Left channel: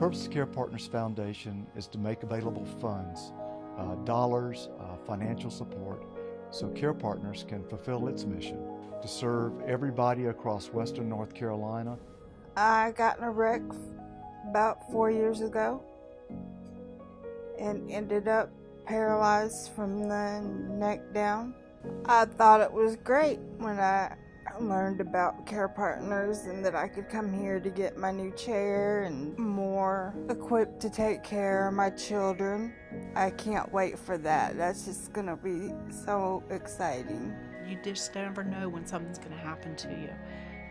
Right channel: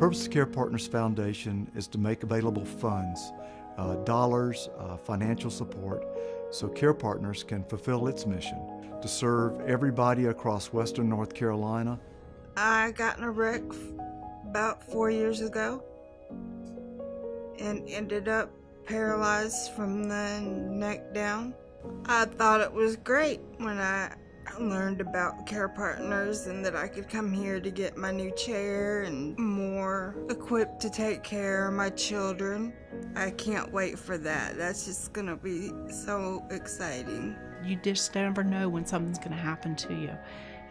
purpose of CarePartners Foundation is to make available funds, dollars, financial support, so CarePartners can fulfill its mission to serve everybody across Western North Carolina. I got in a wreck about 4 years ago and ended up paralyzed from the neck down. I thought it was great when I learned about CarePartners and that I could come here to get my new chair and more equipped to take care of my children. I can't wait for that. That's just gonna be so exciting. You just never know when something's going to happen to you,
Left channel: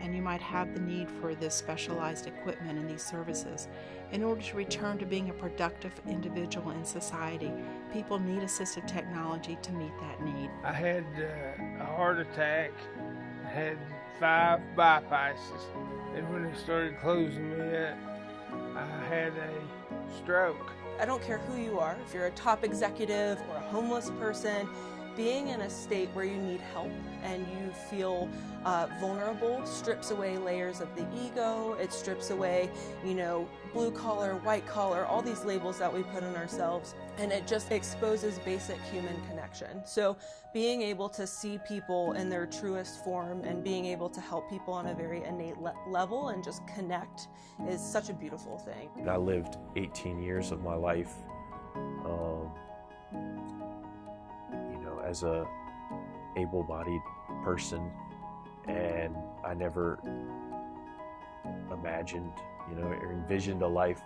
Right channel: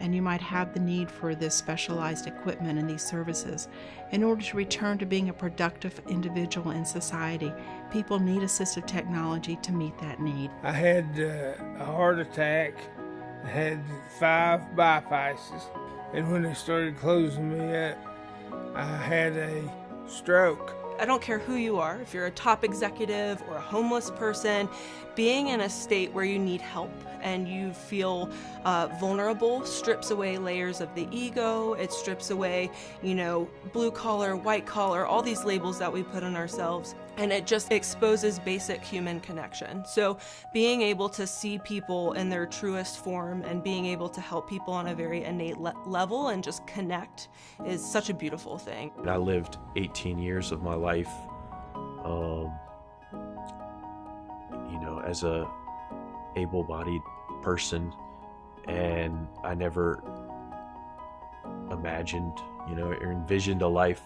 and you might have the need for this specialized equipment and these services. In order to return to being a productive individual in society, people need assistive technology to meet that need. I had a heart attack, I had 5 bypasses, and when they started closing me up, I had a stroke. I don't care who you are, if you're a top executive or a homeless person, being in a state where you need help and you feel vulnerable strips away layers of the ego. It strips away, blue collar, white collar, all these labels that we put on ourselves, and it just exposes basic human connection. So being able to see people in their truest form and being able to help people on a very innate level and just connect is such a beautiful thing. I lived 18 years of my life as a able-bodied person, and I never imagined, or envisioned a life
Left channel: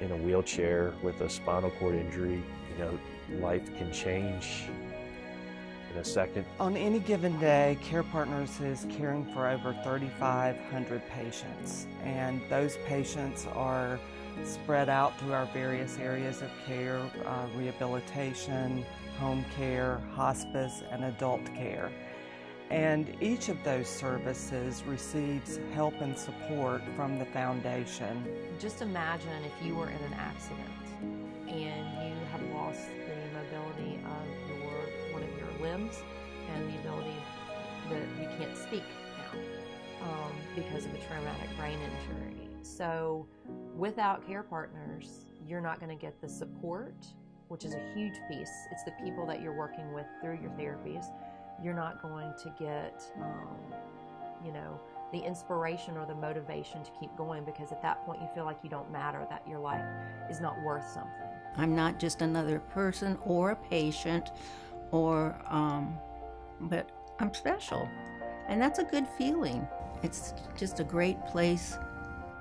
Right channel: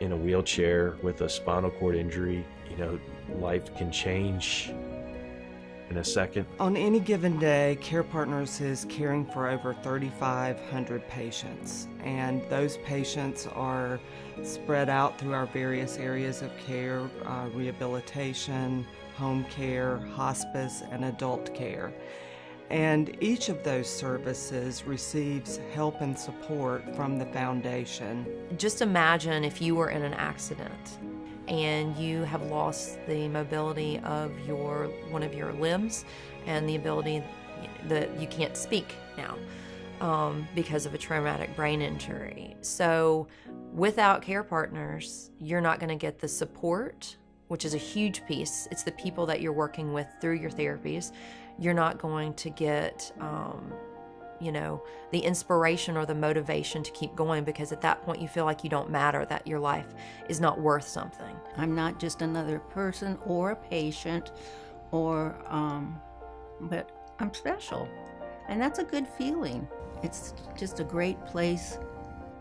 in a wheelchair with a spinal cord injury. Life can change in a second. On any given day, CarePartners is caring for over 3,500 patients, and those patients are spread out through our various areas of care, rehabilitation, home care, hospice, and adult care. And each of those services receives help and support from the foundation. Just imagine if you were in an accident and you have lost the mobility of one of your limbs and the ability that you can't speak now because of a traumatic brain injury. So without CarePartners, you're not going to get the support, which is a huge piece. It's the people that you're working with through your therapies. You're not going to get the inspiration or the motivation to keep going, because at that point you feel like you don't matter, that your life is not worth something. I'm not just another person or a patient, but I'm special, and that's a good feeling. It's just a great place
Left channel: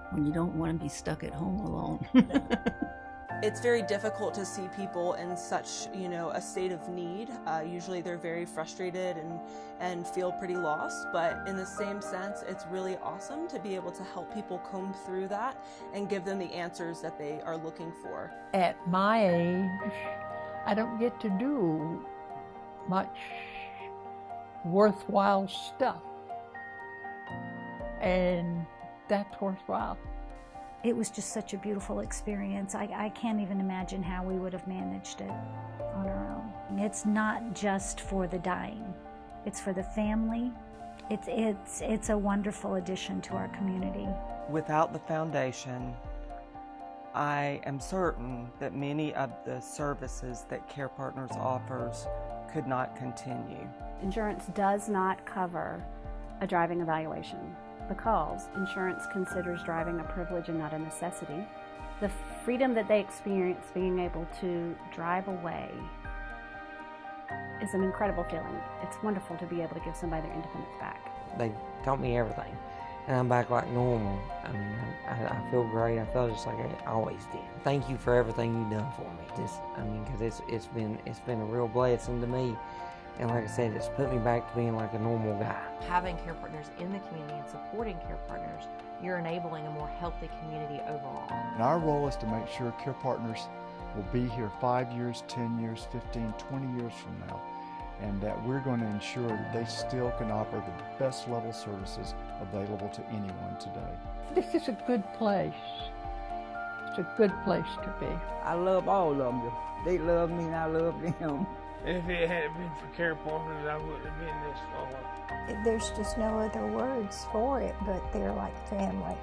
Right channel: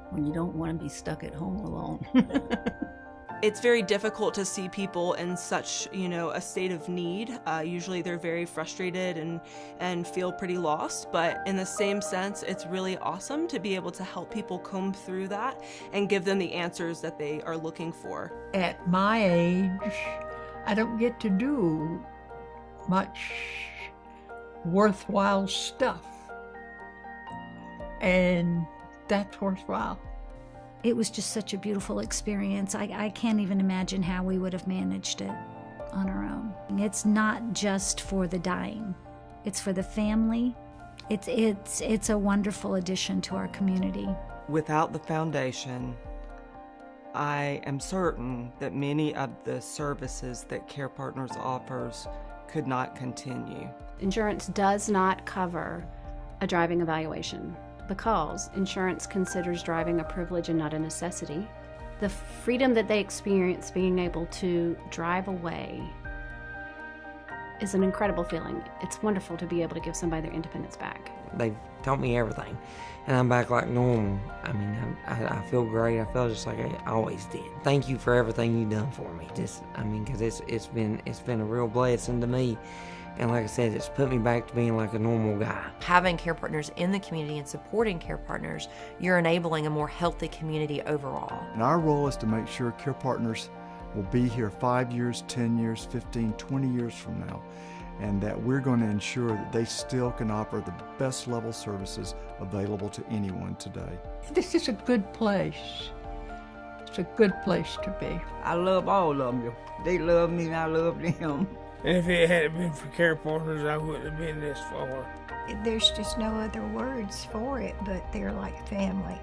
when you don't want to be stuck at home alone. It's very difficult to see people in such, a state of need. Usually they're very frustrated and feel pretty lost, but in the same sense, it's really awesome to be able to help people comb through that and give them the answers that they are looking for. At my age, I don't get to do much worthwhile stuff, and that's worthwhile. It was just such a beautiful experience. I can't even imagine how we would have managed it on our own. It's not just for the dying. It's for the family. It's a wonderful addition to our community. Without the foundation, I am certain that many of the services that CarePartners offers could not continue. Insurance does not cover a driving evaluation, because insurance considers driving a privilege and not a necessity. The freedom that they experience being able to drive away is an incredible feeling. It's wonderful to be able to give somebody their independence back. They taught me everything, and I'm back like normal. I feel great. I feel just like I always did. Thank you for everything you've done for me. Because it's been a real blessing to me. And like I said, it's put me back to being like a normal guy. Having CarePartners in the community and supporting CarePartners, you're enabling a more healthy community overall. And our role is to make sure CarePartners will be here 5 years, 10 years, 15, 20 years from now, and that we're going to ensure that they still can offer the best level services available to anyone today. This is a good place. It's a good place to be. I love all of them. They love me and I love them. And if it hadn't been for CarePartners, I wouldn't have been this far. There's just no other words for it, but they're like family.